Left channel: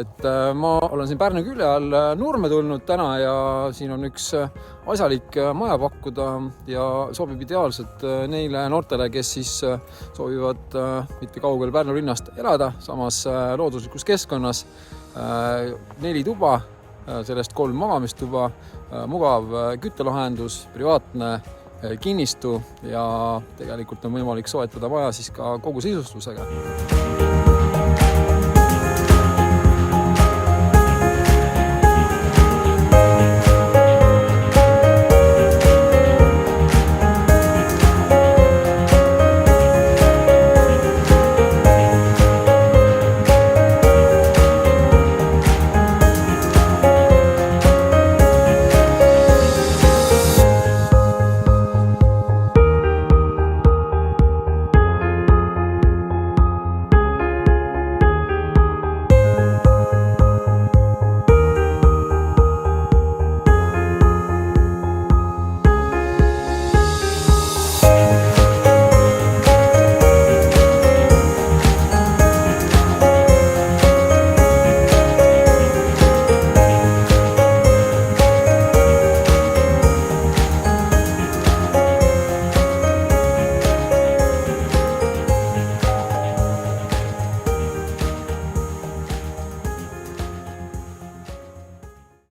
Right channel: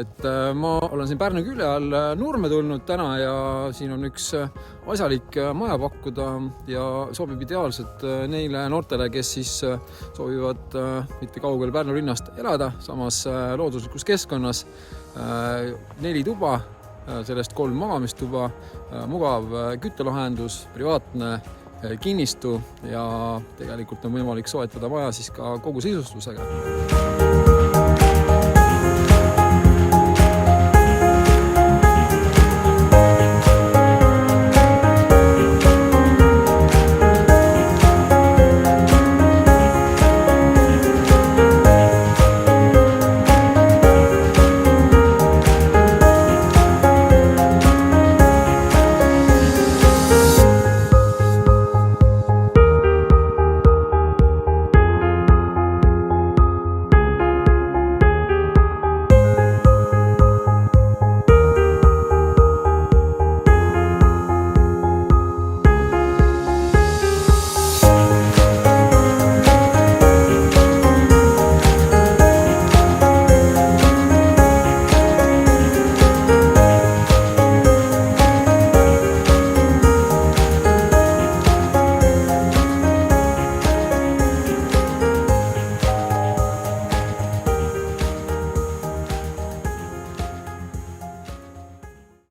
et ma olen siin Pärnu külje all Nurme tulnud täna ja siin on üks asjalik maja pakkuda ja sobib ideaalselt neile noortele, kes siis soovivad mitte kaugel Pärnu linnast elada, samas looduslikus keskkonnas. 4 tuba, sellest 3 magamistuba, mugav küttelahendus, privaatne kinnistu ja tegelikult on võimalik soetada maja siis ka kogu sisustusega.